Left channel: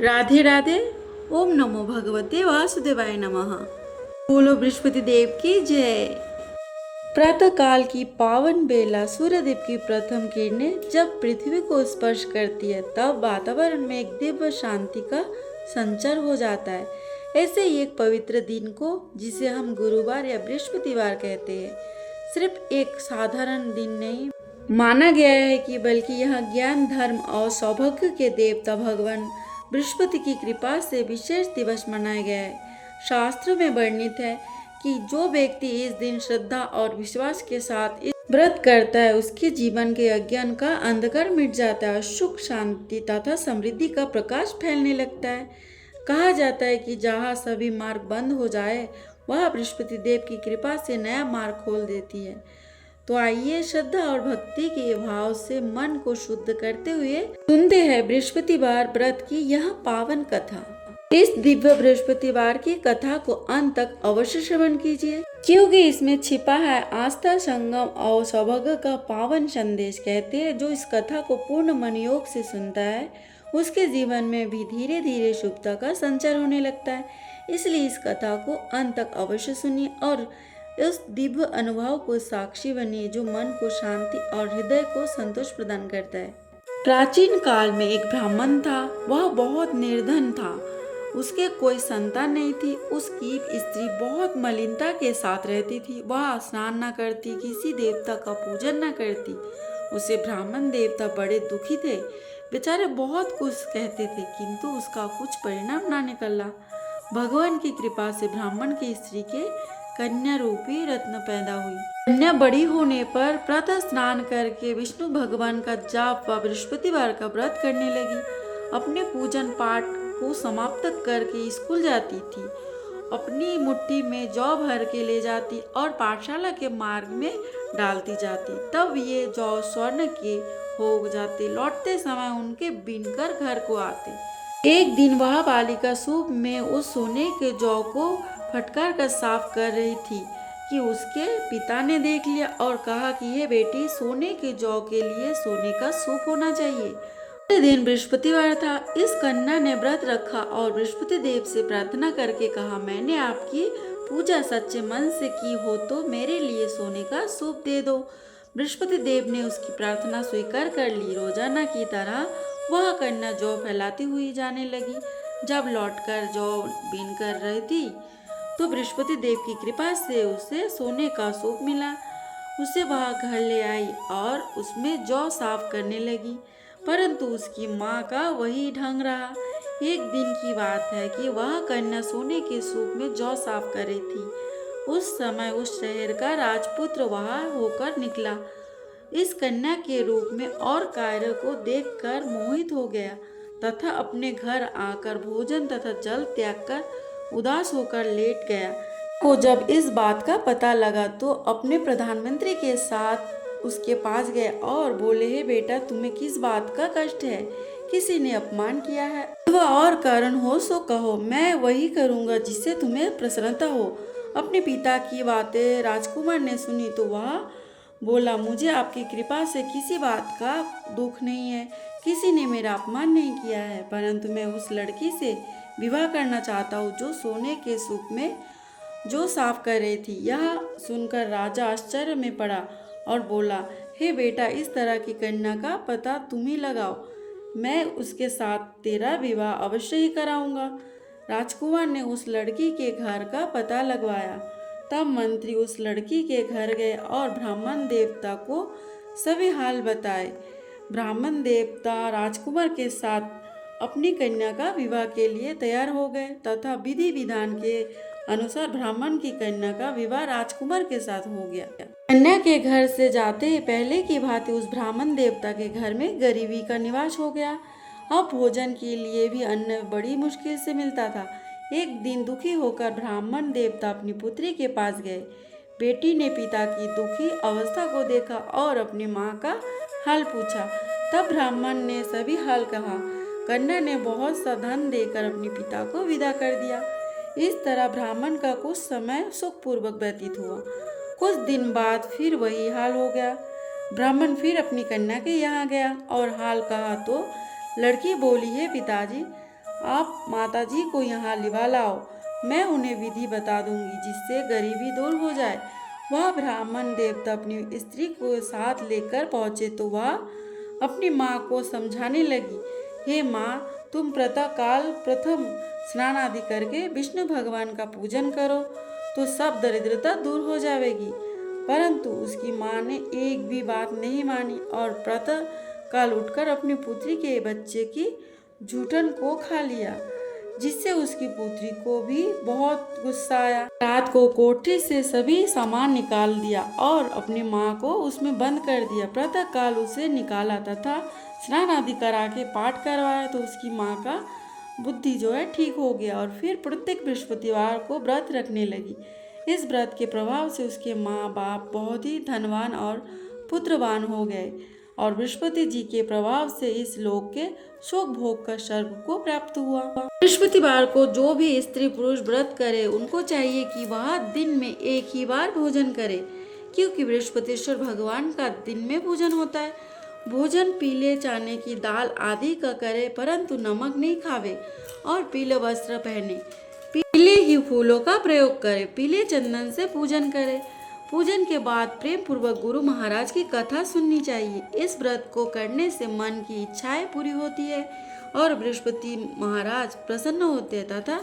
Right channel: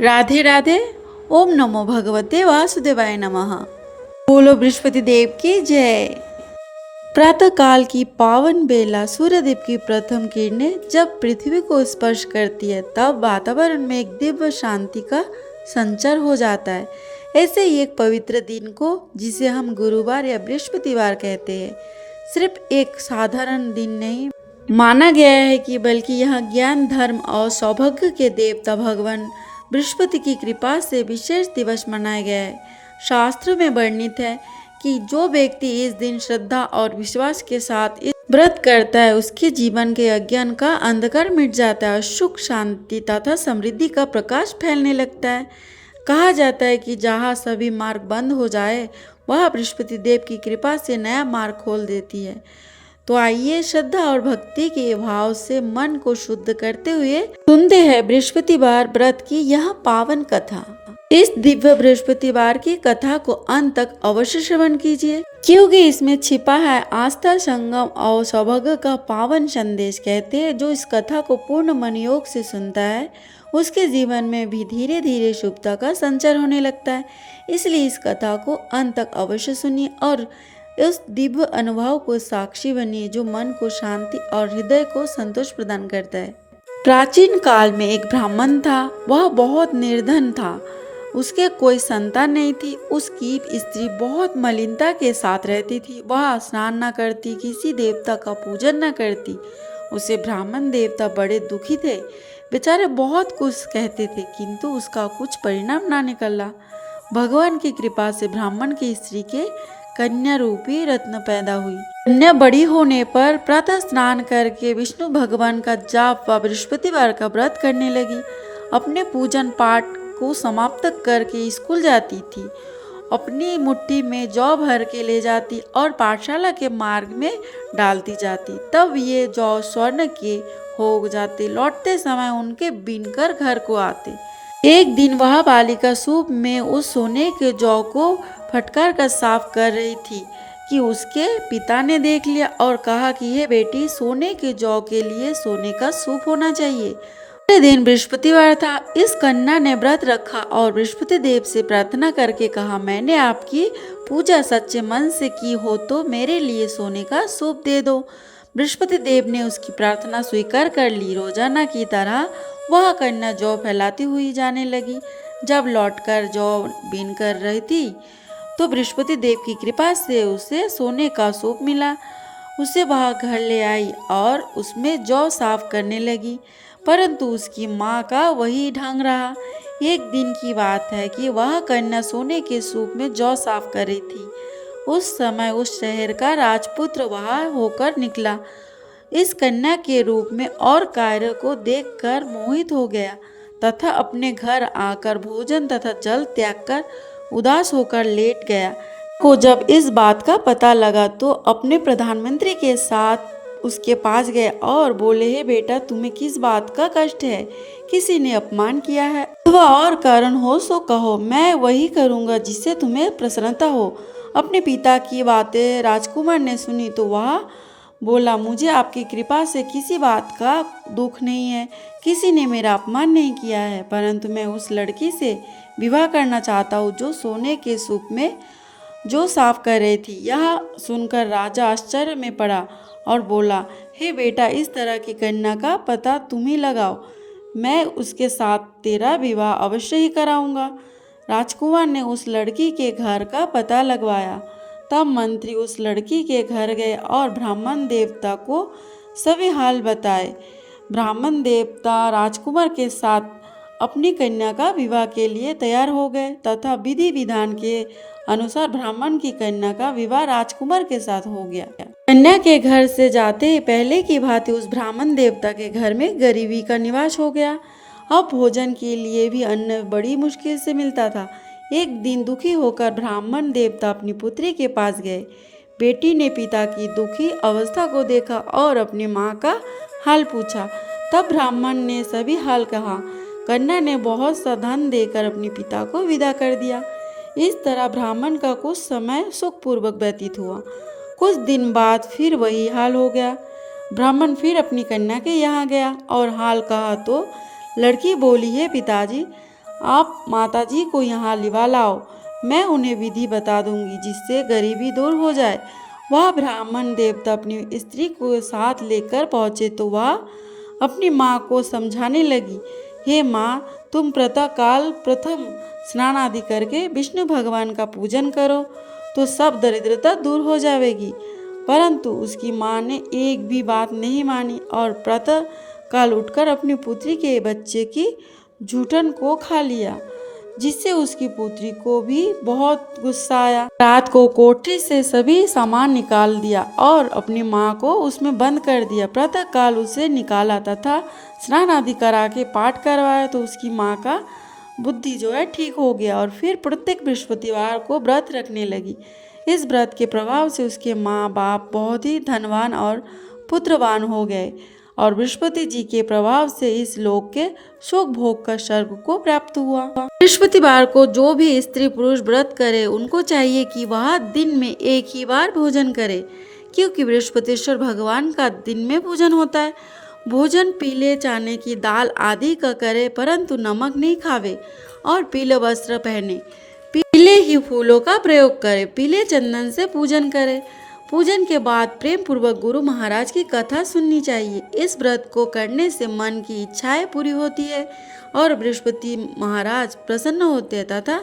राधे राधे। ओम नमो भगवते वासुदेवाय नमः। बोलो बृहस्पति देव की जय। प्रातः काल की पावन बेला सूर्यदेव की प्रथम किरणें जब पृथ्वी को स्पर्श करती है तब वातावरण में एक दिव्य शांति का संचार हो जाता है। ऐसे ही एक पवित्र दिन को जिसे हम गुरुवार या बृहस्पतिवार कहते हैं सिर्फ एक साधारण दिन नहीं माना गया है कि बल्कि यह ज्ञान धर्म और सौभाग्य के देवता भगवान बृहस्पति की कृपा से विशेष दिवस मनाया गया है। शास्त्र में वर्णित है कि जो व्यक्ति इस दिन श्रद्धा और विश्वास के साथ इस व्रत करता है उसके जीवन के अज्ञान का अंधकार मिट जाता है और सुख शांति तथा समृद्धि का प्रकाश फैलने लगता है। कहा जाता है कि जहाँ सभी मार्ग बंद हो जाए वह बृहस्पति देव की कृपा से नया मार्ग खोल देती है। तो आइए श्रद्धा और भक्ति के भाव से मन को शुद्ध करते हुए सुनते हैं बृहस्पतिवार व्रत की यह पावन कथा। इस दिव्य बृहस्पतिवार की कथा को अंत तक अवश्य श्रवण कीजिए क्योंकि इसमें छिपा है आस्था संगम और सौभाग्य का पावन संदेश। कहते हैं जो इस कथा को पूर्ण मन योग से सुनता है उसके जीवन में भी धीरे धीरे शुभता का संचार होने लगता है। इसलिए इस कथा को अंत तक अवश्य सुनिए और इस दिव्य अनुभव को साक्षी बनिए जो मन को शांति और हृदय को संतोष प्रदान करता है। प्राचीन काल में एक ब्राह्मण था। वह बहुत निर्धन था। उसके कोई संतान नहीं थी। उसकी स्त्री बहुत मलिनता के साथ रहती थी। वह स्नान न करती, किसी देवता का पूजन न करती। उसे ब्राह्मण देवता बड़े दुखी थे। बेचारे बहुत कुछ कहते थे किंतु उसका कुछ परिणाम न निकला। भगवान की कृपा से ब्राह्मण की स्त्री के कन्या रूपी रत्न पैदा हुई। कन्या बड़ी होने पर प्रातः स्नान करके विष्णु भगवान का जाप व बृहस्पतिवार का व्रत करने लगी। अपने पूजन पाठ को समाप्त करके स्कूल जाती थी। अपनी मुट्ठी में जौ भर के ले जाती और पाठशाला के मार्ग में डालती जाती। तब ये जौ स्वर्ण के हो जाते। लौटते समय उनके बीनकर घर को आते। एक दिन वह बालिका सूप में उस सोने के जौ को फटकार कर साफ कर रही थी कि उसके पिता ने देख लिया और कहा कि यह बेटी सोने के जौ के लिए सोने का सूप होना चाहिए। अगले दिन बृहस्पतिवार था। इस कन्या ने व्रत रखा और बृहस्पति देव से प्रार्थना करके कहा मैंने आपकी पूजा सच्चे मन से की हो तो मेरे लिए सोने का सूप दे दो। बृहस्पति देव ने उसकी प्रार्थना स्वीकार कर ली। रोजाना की तरह वह कन्या जौ फैलाती हुई जाने लगी। जब लौटकर जौ बीन कर रही थी तो बृहस्पति देव की कृपा से उसे सोने का सूप मिला। उसे वह घर ले आई और उसमें जौ साफ करने लगी परंतु उसकी माँ का वही ढंग रहा। एक दिन की बात है कि वह कन्या सोने के सूप में जौ साफ कर रही थी। उस समय उस शहर का राजपुत्र वहां होकर निकला। इस कन्या के रूप में और कार्य को देखकर मोहित हो गया तथा अपने घर आकर भोजन तथा जल त्याग कर उदास होकर लेट गया। को जब इस बात का पता लगा तो अपने प्रधानमंत्री के साथ उसके पास गए और बोले हे बेटा तुम्हें किस बात का कष्ट है? किसी ने अपमान किया है अथवा और कारण हो सो कहो, मैं वही करूँगा जिससे तुम्हें प्रसन्नता हो। अपने पिता की बातें राजकुमार ने सुनी तो वह बोला मुझे आपकी कृपा से किसी बात का दुख नहीं है। किसी ने मेरा अपमान नहीं किया है परंतु मैं उस लड़की से विवाह करना चाहता हूँ जो सोने के सूप में जो साफ कर रही थी। यह सुनकर राजा आश्चर्य में पड़ा और बोला हे बेटा इस तरह की कन्या का पता तुम ही लगाओ। मैं उसके साथ तेरा विवाह अवश्य ही कराऊंगा। राजकुमार ने उस लड़की के घर का पता लगवाया। तब मंत्री उस लड़की के घर गए और ब्राह्मण देवता को सभी हाल बताए। ब्राह्मण देवता राजकुमार के साथ अपनी कन्या का विवाह के लिए तैयार हो गए तथा विधि विधान के अनुसार ब्राह्मण की कन्या का विवाह राजकुमार के साथ हो गया। कन्या के घर से जाते ही पहले की भांति उस ब्राह्मण देवता के घर में गरीबी का निवास हो गया। अब भोजन के लिए भी अन्न बड़ी मुश्किल से मिलता था। एक दिन दुखी होकर ब्राह्मण देवता अपनी पुत्री के पास गए। बेटी ने पिता की दुखी अवस्था को देखा और अपनी माँ का हाल पूछा। तब ब्राह्मण ने सभी हाल कहा। कन्या ने बहुत सा धन देकर अपने पिता को विदा कर दिया। इस तरह ब्राह्मण का कुछ समय सुखपूर्वक व्यतीत हुआ। कुछ दिन बाद फिर वही हाल हो गया। ब्राह्मण फिर अपनी कन्या के यहाँ गया और हाल कहा तो लड़की बोली है पिताजी आप माताजी को यहाँ लिवा लाओ, मैं उन्हें विधि बता दूंगी जिससे गरीबी दूर हो जाए। वह ब्राह्मण देवता अपनी स्त्री को साथ लेकर पहुँचे तो वह अपनी माँ को समझाने लगी, हे माँ, तुम प्रातःकाल प्रथम स्नान आदि करके विष्णु भगवान का पूजन करो तो सब दरिद्रता दूर हो जाएगी। परंतु उसकी माँ ने एक भी बात नहीं मानी और प्रातः काल उठकर अपनी पुत्री के बच्चे की जूठन को खा लिया, जिससे उसकी पुत्री को भी बहुत गुस्सा आया। रात को कोठरी से सभी सामान निकाल दिया और अपनी माँ को उसमें बंद कर दिया। प्रातः काल उसे निकाला तथा स्नान आदि करा के पाठ करवाया तो उसकी माँ का बुद्धि जो है ठीक हो गया और फिर प्रत्येक बृहस्पतिवार को व्रत रखने लगी। इस व्रत के प्रभाव से उसके माँ बाप बहुत ही धनवान और पुत्रवान हो गए और बृहस्पति जी के प्रभाव से इस लोक के शोक भोग का स्वर्ग को प्राप्त हुआ। बृहस्पतिवार को जो भी स्त्री पुरुष व्रत करे उनको चाहिए कि वह दिन में एक ही बार भोजन करे, क्योंकि बृहस्पतिश्वर भगवान का दिन में पूजन होता है। भोजन पीले चने की दाल आदि का करे, परंतु नमक नहीं खावे और पीले वस्त्र पहने, पीले ही फूलों का प्रयोग करे, पीले चंदन से पूजन करे। पूजन के बाद प्रेम पूर्वक गुरु महाराज की कथा सुननी चाहिए। इस व्रत को करने से मन की इच्छाएं पूरी होती है और बृहस्पति महाराज प्रसन्न होते हैं तथा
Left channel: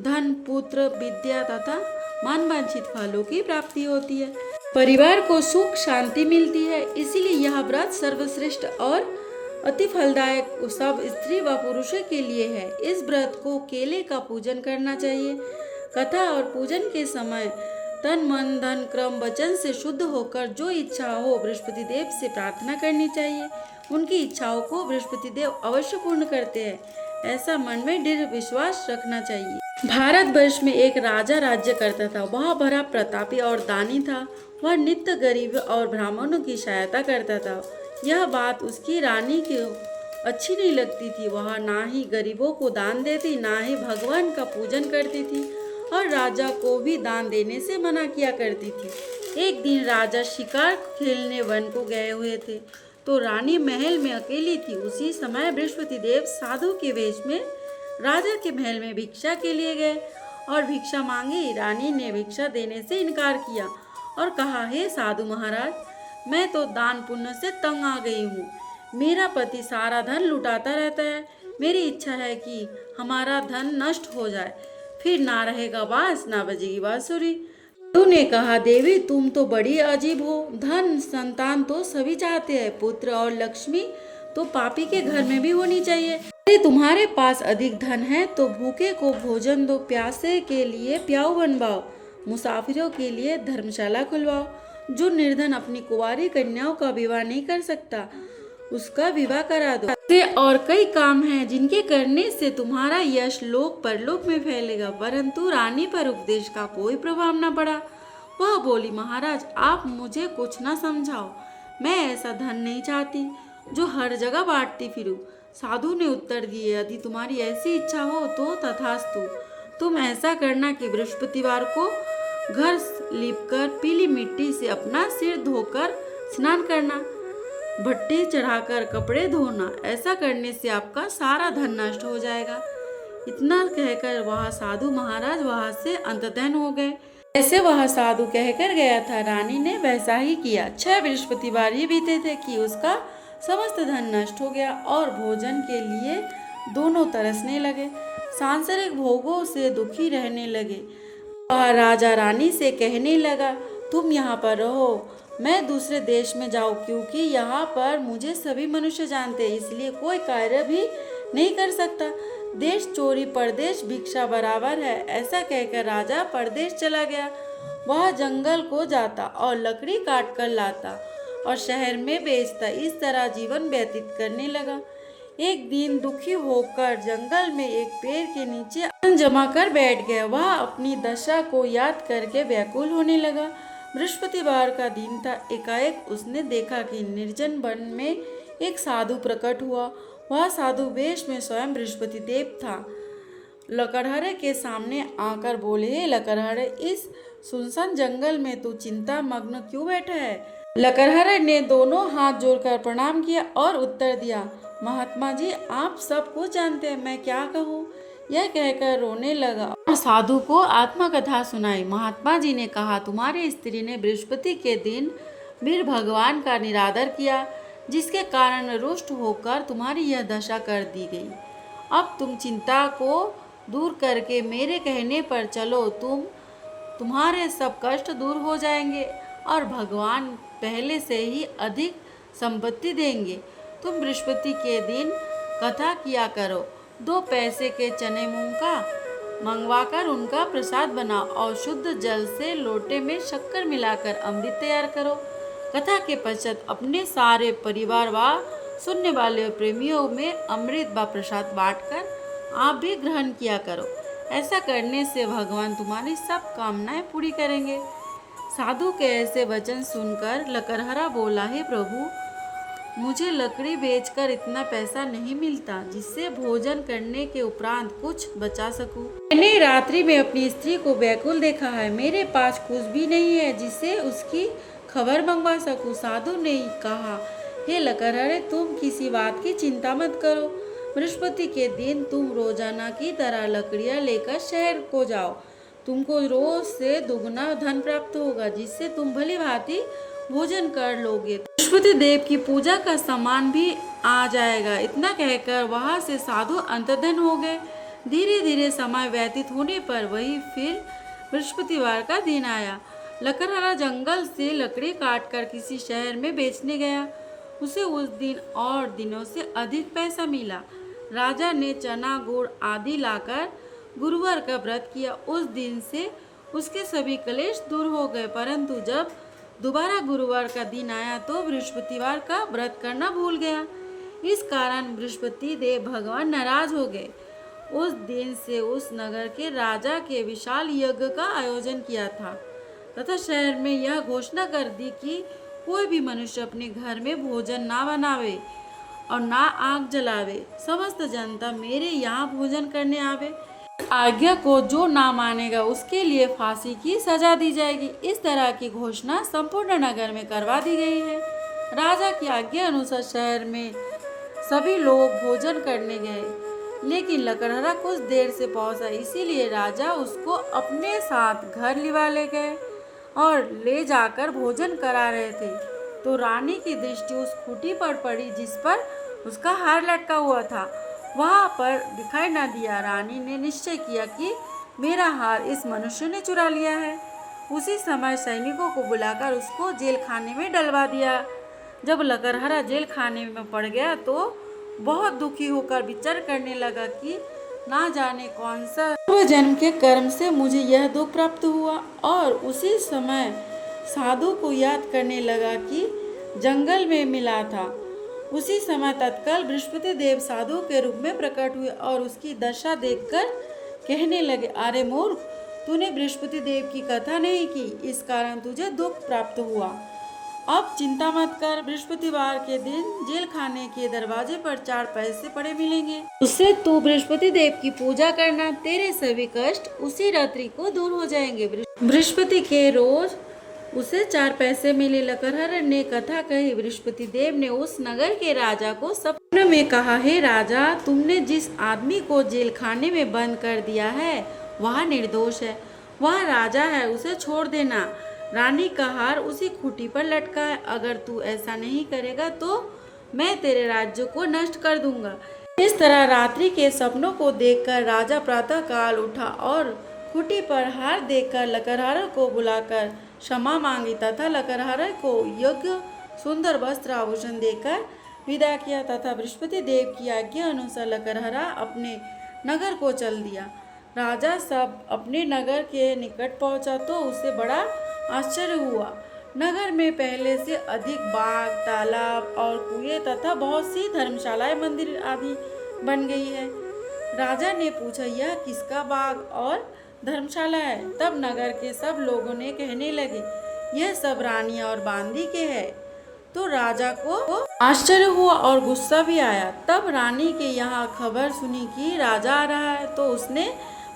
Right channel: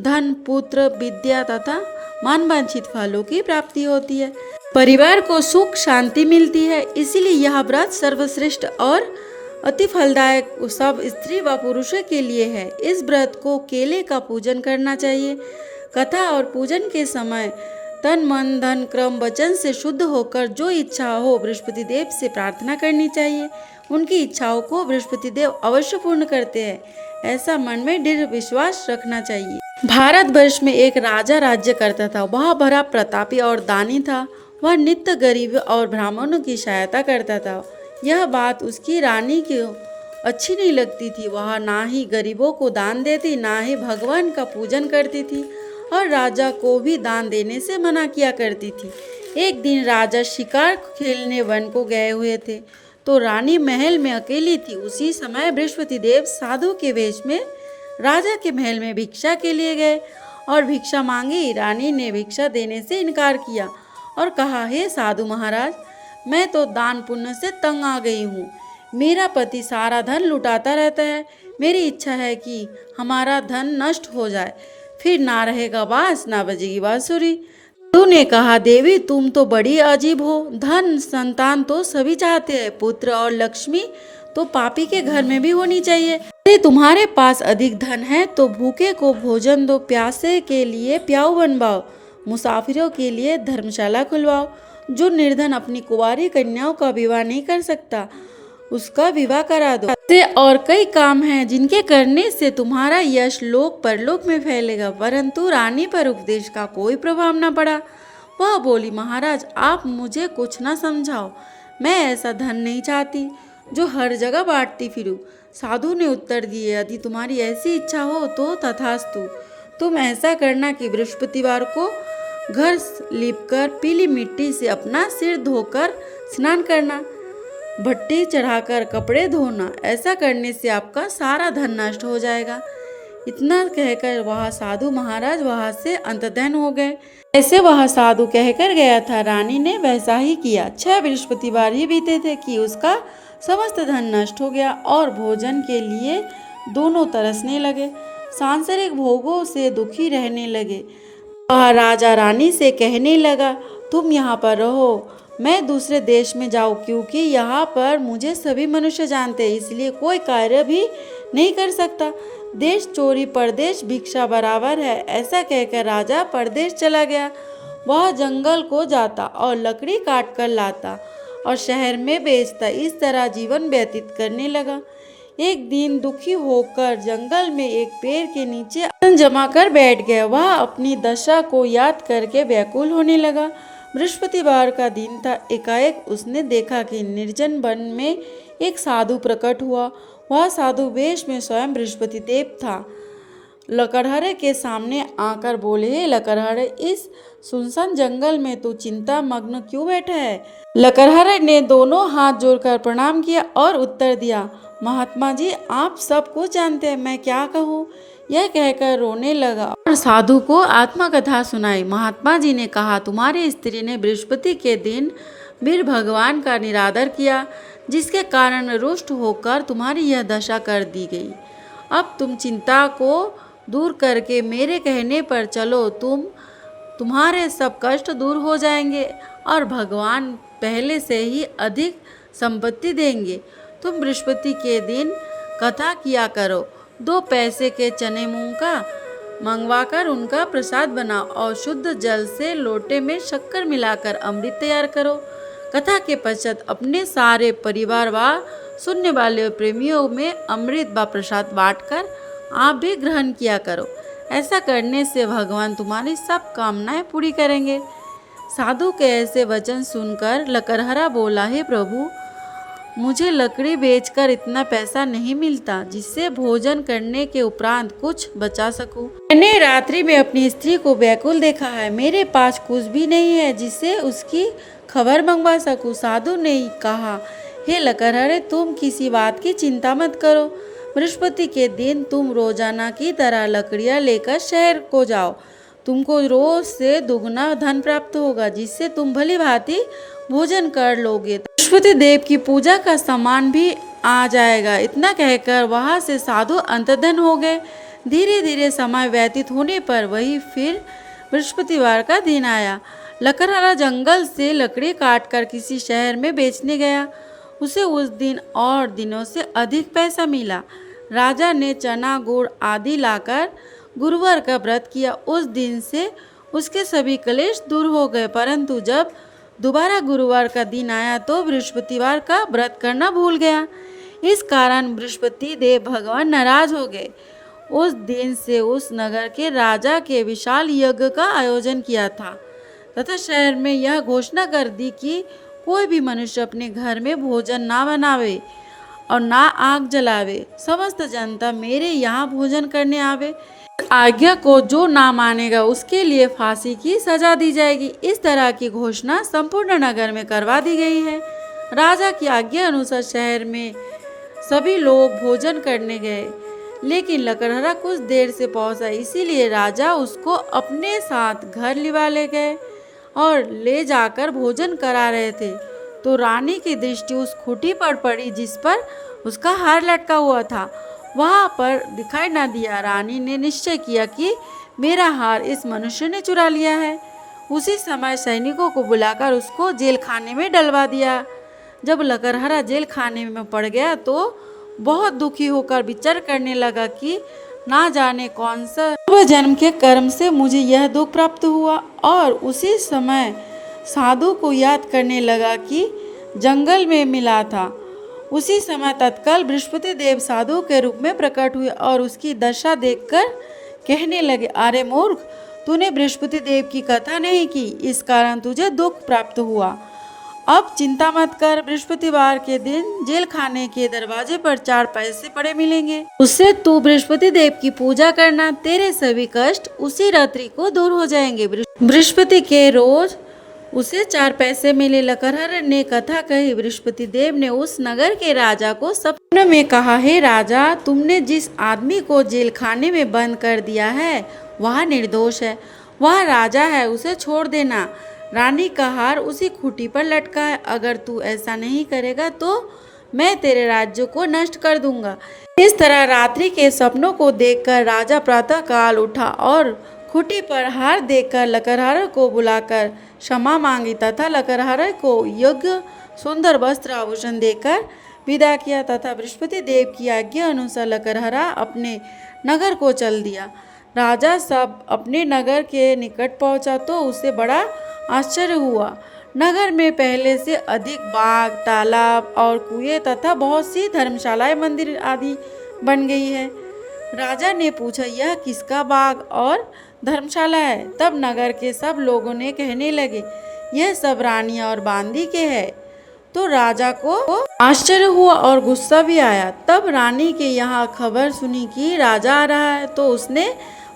धन, पुत्र, विद्या तथा मनवांछित फलों की प्राप्ति होती है। परिवार को सुख शांति मिलती है, इसीलिए यह व्रत सर्वश्रेष्ठ और अति फलदायक सब स्त्री व पुरुषों के लिए है। इस व्रत को केले का पूजन करना चाहिए। कथा और पूजन के समय तन, मन, धन, क्रम, वचन से शुद्ध होकर जो इच्छा हो बृहस्पति देव से प्रार्थना करनी चाहिए। उनकी इच्छाओं को बृहस्पति देव अवश्य पूर्ण करते हैं, ऐसा मन में दृढ़ विश्वास रखना चाहिए। भारतवर्ष में एक राजा राज्य करता था। वह बड़ा प्रतापी और दानी था। वह नित्य गरीब और ब्राह्मणों की सहायता करता था। यह बात उसकी रानी को अच्छी नहीं लगती थी। वह ना ही गरीबों को दान देती, ना ही भगवान का पूजन करती थी और राजा को भी दान देने से मना किया करती थी। एक दिन राजा शिकार खेलने वन को गए हुए थे तो रानी महल में अकेली थी। उसी समय बृहस्पति देव साधु के वेश में राजा के महल में भिक्षा के लिए गए और भिक्षा मांगी। रानी ने भिक्षा देने से इनकार किया और कहा, हे साधु महाराज, मैं तो दान पुण्य से तंग आ गई हूँ। मेरा पति सारा धन लुटाता रहता है। मेरी इच्छा है कि हमारा धन नष्ट हो जाए, फिर ना रहेगा बांस ना बजेगी बांसुरी। साधु ने कहा, देवी तुम तो बड़ी अजीब हो। धन संतान तो सभी चाहते हैं, पुत्र और लक्ष्मी तो पापी के घर में भी होनी चाहिए। अरे तुम्हारे पास अधिक धन है तो भूखे को भोजन दो, प्यासे के लिए प्याऊ बनवाओ, मुसाफिरों के लिए धर्मशाला खुलवाओ। जो निर्धन अपनी कुंवारी कन्याओं का विवाह नहीं कर सकता उसका विवाह करा दो। ऐसे और कई काम हैं जिनके करने से तुम्हारा यश लोक परलोक में फैलेगा। परंतु रानी पर उपदेश का कोई प्रभाव न पड़ा। वह बोली, महाराज आप मुझे कुछ न समझाओ, मैं ऐसा धन नहीं चाहती जो हर जगह बांटती फिरूं। साधु ने उत्तर दिए, यदि तुम्हारी ऐसी इच्छा हो तो तथास्तु। तुम ऐसा करना कि बृहस्पतिवार को घर लीपकर पीली मिट्टी से अपना सिर धोकर स्नान करना, भट्टी चढ़ाकर कपड़े धोना। ऐसा करने से आपका सारा धन नष्ट हो जाएगा। इतना कहकर वह साधु महाराज वहां से अंतर्धान हो गए। ऐसे वह साधु कहकर गया था, रानी ने वैसा ही किया। 6 बृहस्पतिवार ही बीते थे कि उसका समस्त धन नष्ट हो गया और भोजन के लिए दोनों तरसने लगे, सांसारिक भोगों से दुखी रहने लगे। वह राजा रानी से कहने लगा, तुम यहाँ पर रहो, मैं दूसरे देश में जाऊँ, क्योंकि यहाँ पर मुझे सभी मनुष्य जानते हैं, इसलिए कोई कार्य भी नहीं कर सकता। देश चोरी परदेश भिक्षा बराबर है। ऐसा कहकर राजा परदेश चला गया। वह जंगल को जाता और लकड़ी काट कर लाता और शहर में बेचता। इस तरह जीवन व्यतीत करने लगा। एक दिन दुखी होकर जंगल में एक पेड़ के नीचे अन्न जमा कर बैठ गया। वह अपनी दशा को याद करके व्याकुल होने लगा। बृहस्पतिवार का दिन था। एकाएक उसने देखा कि निर्जन वन में एक साधु प्रकट हुआ। वह साधु वेश में स्वयं बृहस्पति देव था। लकड़हरे के सामने आकर बोले, हे लकड़हरे, इस सुनसान जंगल में तू चिंता मग्न क्यों बैठा है? लकड़हरे ने दोनों हाथ जोड़कर प्रणाम किया और उत्तर दिया, महात्मा जी, आप सब कुछ जानते हैं, मैं क्या कहूँ? यह कहकर रोने लगा और साधु को आत्मकथा सुनाई। महात्मा जी ने कहा, तुम्हारी स्त्री ने बृहस्पति के दिन वीर भगवान का निरादर किया, जिसके कारण रुष्ट होकर तुम्हारी यह दशा कर दी गई। अब तुम चिंता को दूर करके मेरे कहने पर चलो, तुम्हारे सब कष्ट दूर हो जाएंगे और भगवान पहले से ही अधिक संपत्ति देंगे। तुम बृहस्पति के दिन कथा किया करो, 2 पैसे के चने मूंग का मंगवाकर उनका प्रसाद बनाओ और शुद्ध जल से लोटे में शक्कर मिलाकर अमृत तैयार करो। कथा के पश्चात अपने सारे परिवार व सुनने वाले प्रेमियों में अमृत व प्रसाद बांटकर आप भी ग्रहण किया करो। ऐसा करने से भगवान तुम्हारी सब कामनाएं पूरी करेंगे। साधु के ऐसे वचन सुनकर लकड़हरा बोला, हे प्रभु, मुझे लकड़ी बेचकर इतना पैसा नहीं मिलता जिससे भोजन करने के उपरांत कुछ बचा सकूं। मैंने रात्रि में अपनी स्त्री को व्याकुल देखा है, मेरे पास कुछ भी नहीं है जिससे उसकी खबर मंगवा सकूं। साधु ने कहा, हे लकड़हरे, तुम किसी बात की चिंता मत करो। बृहस्पति के दिन तुम रोजाना की तरह लकड़ियां लेकर शहर को जाओ। तुमको रोज से दुगना धन प्राप्त होगा, जिससे तुम भली भांति भोजन कर लोगे। बृहस्पति देव की पूजा का सामान भी आ जाएगा। इतना कहकर वहां से साधु अंतर्धान हो गए। धीरे धीरे समय व्यतीत होने पर वही फिर बृहस्पतिवार का दिन आया। लकड़हरा जंगल से लकड़ी काटकर किसी शहर में बेचने गया। उसे उस दिन और दिनों से अधिक पैसा मिला। राजा ने चना गुड़ आदि लाकर गुरुवार का व्रत किया। उस दिन से उसके सभी क्लेश दूर हो गए, परंतु जब दोबारा गुरुवार का दिन आया तो बृहस्पतिवार का व्रत करना भूल गया। इस कारण बृहस्पति देव भगवान नाराज हो गए। उस दिन से उस नगर के राजा के विशाल यज्ञ का आयोजन किया था तथा शहर में यह घोषणा कर दी कि कोई भी मनुष्य अपने घर में भोजन ना बनावे और ना आग जलावे। समस्त जनता मेरे यहाँ भोजन करने आवे। आज्ञा को जो ना मानेगा उसके लिए फांसी की सजा दी जाएगी। इस तरह की घोषणा संपूर्ण नगर में करवा दी गई है। राजा की आज्ञा अनुसार शहर में सभी लोग भोजन करने गए, लेकिन लकड़हरा कुछ देर से पहुंचा, इसीलिए राजा उसको अपने साथ घर लिवा ले गए और ले जाकर भोजन करा रहे थे तो रानी की दृष्टि उस खूंटी पर पड़ी जिस पर उसका हार लटका हुआ था। वहां पर दिखाई न दिया। रानी ने निश्चय किया कि मेरा हार इस मनुष्य ने चुरा लिया है। उसी समय सैनिकों को बुलाकर उसको जेल खाने में डलवा दिया। जब लकड़हरा जेल खाने में पड़ गया तो बहुत दुखी होकर विचार करने लगा कि ना जाने कौन सा पूर्व जन्म के कर्म से मुझे यह दुख प्राप्त हुआ। और उसी समय साधु को याद करने लगा कि जंगल में मिला था। उसी समय तत्काल बृहस्पति देव साधु के रूप में प्रकट हुए और उसकी दशा देखकर कहने लगे, अरे मूर्ख, तूने बृहस्पति देव की कथा नहीं की, इस कारण तुझे दुख प्राप्त हुआ। अब चिंता मत कर, बृहस्पतिवार के दिन जेल खाने के दरवाजे पर 4 पैसे पड़े मिलेंगे, उससे तू बृहस्पति देव की पूजा करना, तेरे सभी कष्ट उसी रात्रि को दूर हो जाएंगे। बृहस्पति के रोज उसे 4 पैसे मिले। लकड़हरा ने कथा कही। बृहस्पति देव ने उस नगर के राजा को सपने में कहा, हे राजा, तुमने जिस आदमी को जेल खाने में बंद कर दिया है वह निर्दोष है, वह राजा है, उसे छोड़ देना। रानी का हार उसी खूंटी पर लटका है। अगर तू ऐसा नहीं करेगा तो मैं तेरे राज्य को नष्ट कर दूंगा। इस तरह रात्रि के सपनों को देखकर राजा प्रातः काल उठा और खूंटी पर हार देखकर लकड़हरा को बुलाकर क्षमा मांगी तथा लकड़हरा को योग्य सुंदर वस्त्र आभूषण देकर विदा किया तथा बृहस्पति देव की आज्ञा अनुसार लकड़हरा अपने नगर को चल दिया। राजा सब अपने नगर के निकट पहुंचा तो उसे बड़ा आश्चर्य हुआ। नगर में पहले से अधिक बाग, तालाब और कुएं तथा बहुत सी धर्मशालाएं, मंदिर आदि बन गई है। राजा ने पूछा, यह किसका बाग और धर्मशाला है? तब नगर के सब लोगों ने कहने लगे, यह सब रानी और बांदी के हैं। तो राजा को आश्चर्य हुआ और गुस्सा भी आया। तब रानी के यहाँ खबर सुनी कि राजा आ रहा है, तो उसने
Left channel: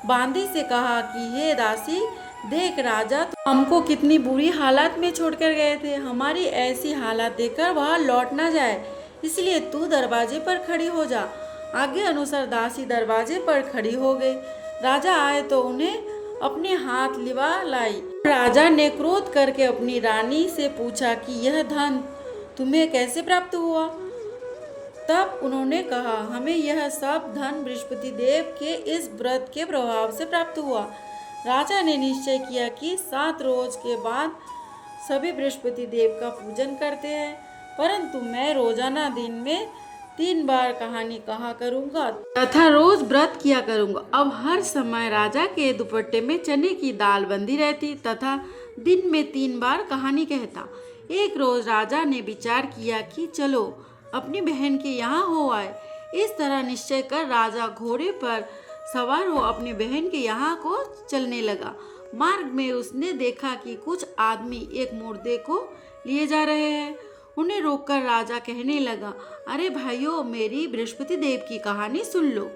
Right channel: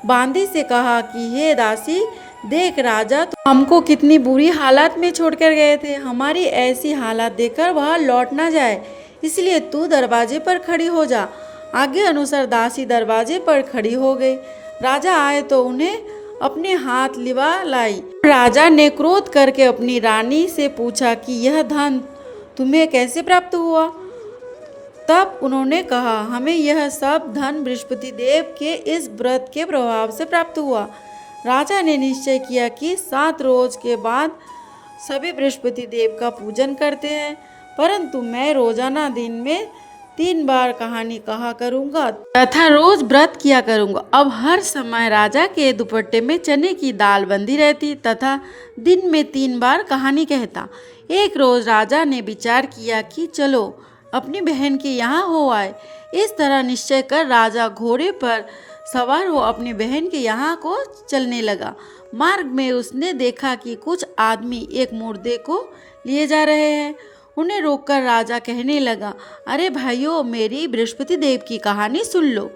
बांदी से कहा कि हे दासी, देख राजा तो हमको कितनी बुरी हालत में छोड़कर गए थे, हमारी ऐसी हालत देखकर वह लौट ना जाए, इसलिए तू दरवाजे पर खड़ी हो जा। आगे अनुसार दासी दरवाजे पर खड़ी हो गई। राजा आए तो उन्हें अपने हाथ लिवा लाई। राजा ने क्रोध करके अपनी रानी से पूछा कि यह धन तुम्हें कैसे प्राप्त हुआ। तब उन्होंने कहा, हमें यह सब धन बृहस्पति देव के इस व्रत के प्रभाव से प्राप्त हुआ। राजा ने निश्चय किया कि 7 रोज के बाद सभी बृहस्पति देव का पूजन करते हैं, परंतु मैं रोजाना दिन में 3 बार कहानी कहा करूंगा तथा रोज व्रत किया करूंगा। अब हर समय राजा के दुपट्टे में चने की दाल बंधी रहती तथा दिन में 3 बार कहानी कहता। एक रोज राजा ने विचार किया कि चलो अपनी बहन के यहाँ हो आए। इस तरह निश्चय कर राजा घोड़े पर सवार हो अपनी बहन के यहाँ को चलने लगा। मार्ग में उसने देखा कि कुछ आदमी एक मुर्दे को लिए जा रहे हैं। उन्हें रोककर राजा कहने लगा, अरे भाइयों, मेरी बृहस्पति देव की कहानी सुन लो।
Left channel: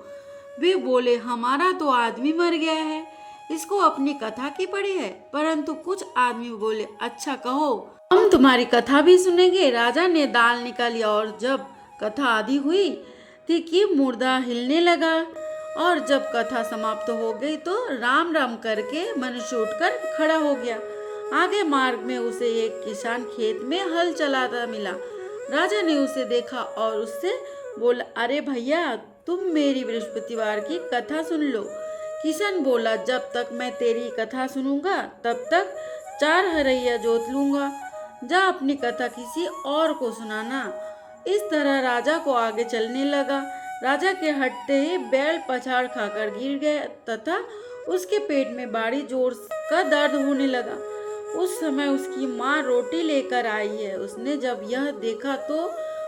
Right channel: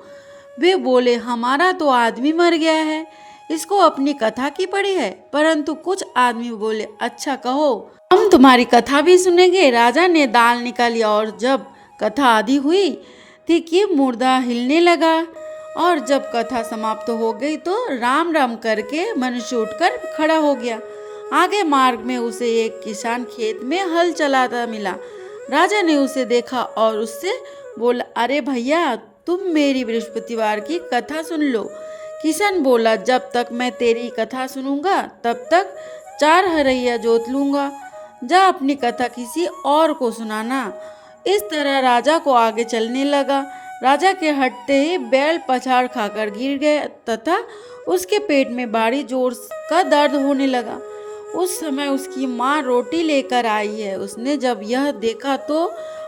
वे बोले, हमारा तो आदमी मर गया है, इसको अपनी कथा की पड़ी है। परंतु कुछ आदमी बोले, अच्छा कहो, हम तुम्हारी कथा भी सुनेंगे। राजा ने दाल निकाली और जब कथा आधी हुई थी कि मुर्दा हिलने लगा, और जब कथा समाप्त हो गई तो राम राम करके मनुष्य उठकर खड़ा हो गया। आगे मार्ग में उसे एक किसान खेत में हल चलाता मिला। राजा ने उसे देखा और उससे बोला, अरे भैया, तुम मेरी बृहस्पतिवार की कथा सुन लो। किसान बोला, जब तक मैं तेरी कथा सुनूंगा तब तक 4 हरैया जोत लूंगा, जा अपनी कथा किसी और को सुनाना। इस तरह राजा को आगे चलने लगा। राजा के हटते ही बैल पछाड़ खाकर गिर गए तथा उसके पेट में भारी जोर का दर्द होने लगा। उस समय उसकी माँ रोटी लेकर आई है। उसने जब यह देखा तो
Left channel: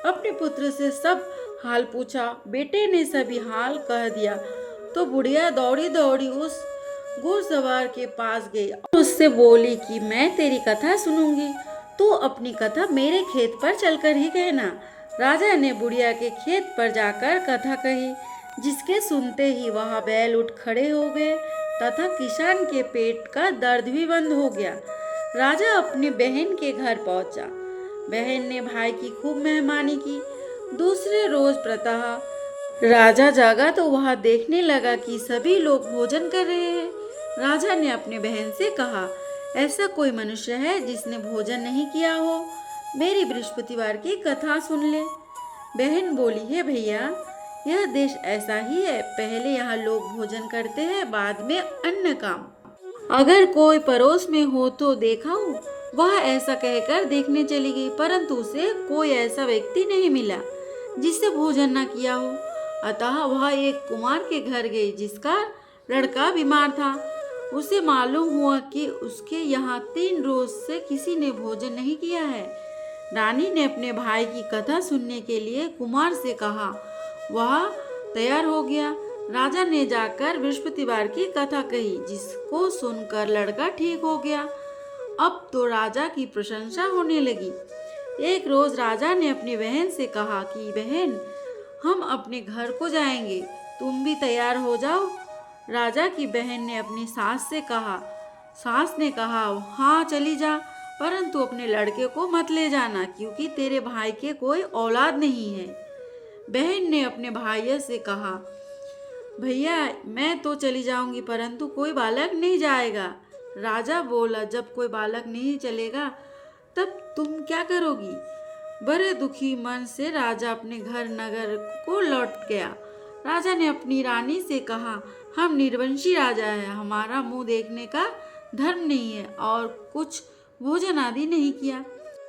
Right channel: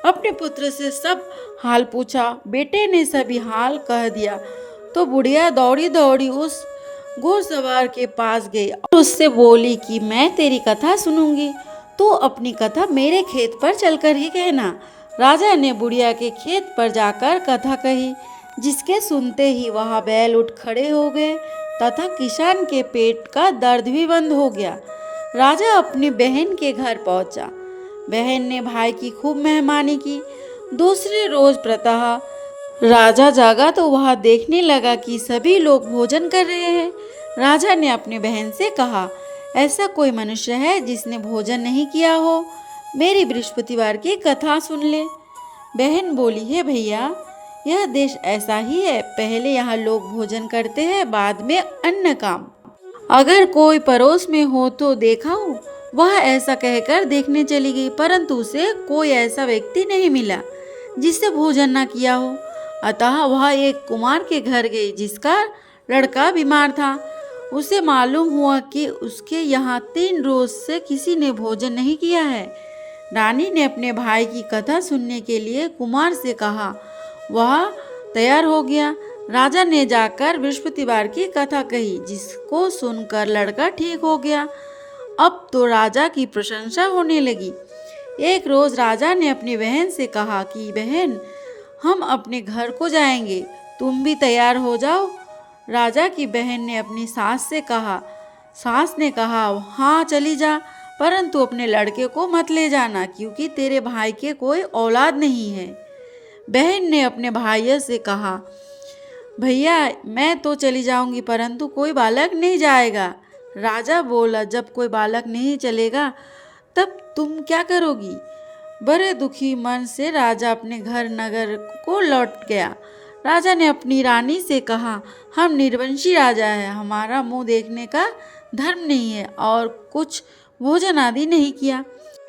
अपने पुत्र से सब हाल पूछा। बेटे ने सभी हाल कह दिया तो बुढ़िया दौड़ी दौड़ी उस घुड़सवार के पास गई और उससे बोली कि मैं तेरी कथा सुनूंगी, तू अपनी कथा मेरे खेत पर चलकर ही कहना। राजा ने बुढ़िया के खेत पर जाकर कथा कही, जिसके सुनते ही वहाँ बैल उठ खड़े हो गए तथा किसान के पेट का दर्द भी बंद हो गया। राजा अपनी बहन के घर पहुंचा। बहन ने भाई की खूब मेहमानी की। दूसरे रोज प्रातः राजा जागा तो वह देखने लगा कि सभी लोग भोजन कर रहे हैं। राजा ने अपनी बहन से कहा, ऐसा कोई मनुष्य है जिसने भोजन नहीं किया हो? मेरी बृहस्पतिवार की कथा सुन ले। बहन बोली, हे भैया, यह देश ऐसा ही है, पहले यहाँ लोग भोजन करते हैं, बाद में अन्य काम। अगर कोई पड़ोस में हो तो देखाऊं। वह ऐसा कहकर देखने चली गई, परंतु उसे कोई ऐसा व्यक्ति नहीं मिला जिससे भोजन न किया हो। अतः वह एक कुमार के घर गई जिसका लड़का बीमार था। उसे मालूम हुआ कि उसके यहाँ 3 रोज से किसी ने भोजन नहीं किया है। रानी ने अपने भाई की कथा सुनने के लिए कुमार से कहा। वह तैयार हो गया। राजा ने जाकर बृहस्पतिवार की कथा कही, जिसको सुनकर लड़का ठीक हो गया। अब तो राजा की प्रशंसा होने लगी। एक रोज राजा ने अपनी बहन से कहा कि बहन, हम अपने घर को जाएंगे, तुम भी तैयार हो जाओ। राजा की बहन ने अपनी सास से कहा। सास ने कहा, हाँ चली जा, परंतु अपने लड़के को मत ले जाना, क्योंकि तेरे भाई के कोई औलाद नहीं है। बहन ने अपने भाई से कहा, भैया, मैं तो चली जाऊंगी, परंतु कोई बालक नहीं जाएगा। राजा बोला, जब कोई बालक नहीं चलेगा तब तुम क्या करोगी? बड़े दुखी मन से राजा अपने घर नगर को लौट गया। राजा ने अपनी रानी से कहा, हम निर्वंशी राजा हैं, हमारा मुंह देखने का धर्म नहीं है और कुछ भोजन आदि नहीं किया।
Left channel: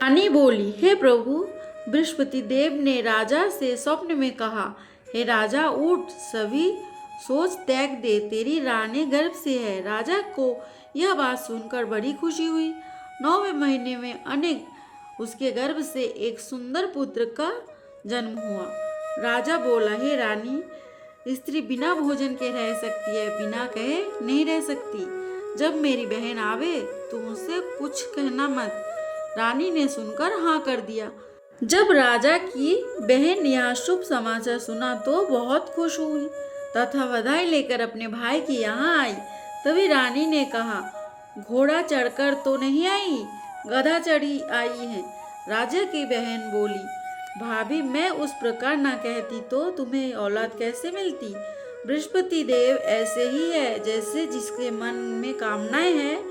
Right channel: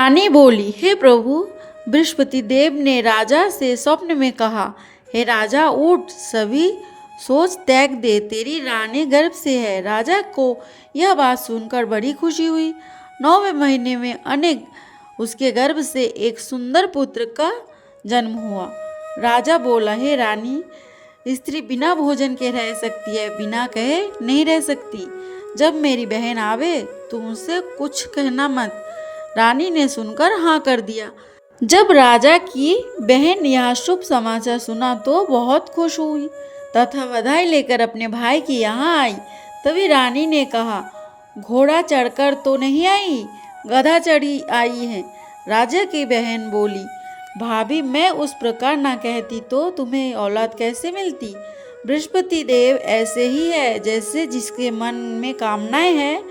रानी बोली, हे प्रभु, बृहस्पति देव ने राजा से स्वप्न में कहा, हे राजा, उठ, सभी सोच त्याग दे, तेरी रानी गर्भ से है। राजा को यह बात सुनकर बड़ी खुशी हुई। 9वें महीने में अनेक उसके गर्भ से एक सुंदर पुत्र का जन्म हुआ। राजा बोला, हे रानी, स्त्री बिना भोजन के रह सकती है, बिना कहे नहीं रह सकती। जब मेरी बहन आवे तुम उससे कुछ कहना मत। रानी ने सुनकर हाँ कर दिया। जब राजा की बहन यह शुभ समाचार सुना तो बहुत खुश हुई तथा बधाई लेकर अपने भाई के यहाँ आई। तभी रानी ने कहा, घोड़ा चढ़कर तो नहीं आई, गधा चढ़ी आई है। राजा की बहन बोली, भाभी मैं उस प्रकार ना कहती तो तुम्हें औलाद कैसे मिलती। बृहस्पति देव ऐसे ही है, जैसे जिसके मन में कामनाएं हैं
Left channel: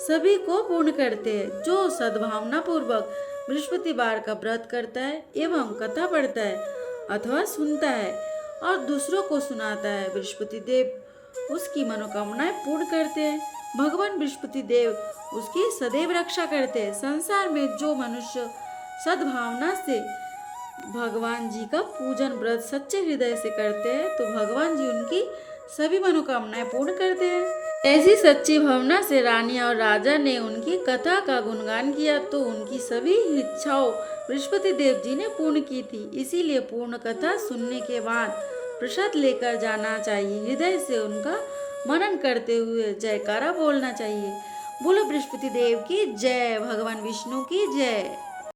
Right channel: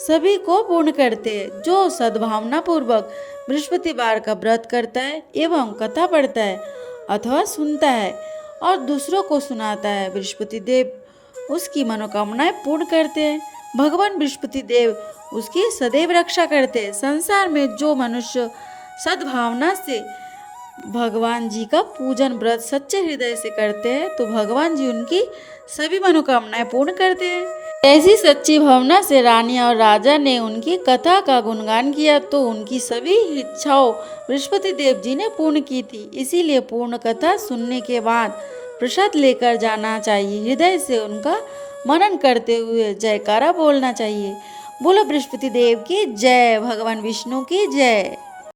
सभी को पूर्ण करते हैं। जो सद्भावना पूर्वक बृहस्पतिवार का व्रत करता है एवं कथा पढ़ता है अथवा सुनता है और दूसरों को सुनाता है, बृहस्पति देव उसकी मनोकामनाएं पूर्ण करते हैं। भगवान बृहस्पति देव उसकी सदैव रक्षा करते हैं। संसार में जो मनुष्य सद्भावना से भगवान जी का पूजन व्रत सच्चे हृदय से करते हैं तो भगवान जी उनकी सभी मनोकामनाएं पूर्ण करते हैं। ऐसी सच्ची भावना से रानी और राजा ने उनकी कथा का गुणगान किया तो उनकी सभी इच्छाओं बृहस्पति देव जी ने पूर्ण की थी। इसीलिए पूर्ण कथा सुनने के बाद प्रसाद लेकर जाना चाहिए। हृदय से उनका मनन करते हुए जयकारा बोलना चाहिए। बोलो बृहस्पति देव की जय, भगवान विष्णु की जय।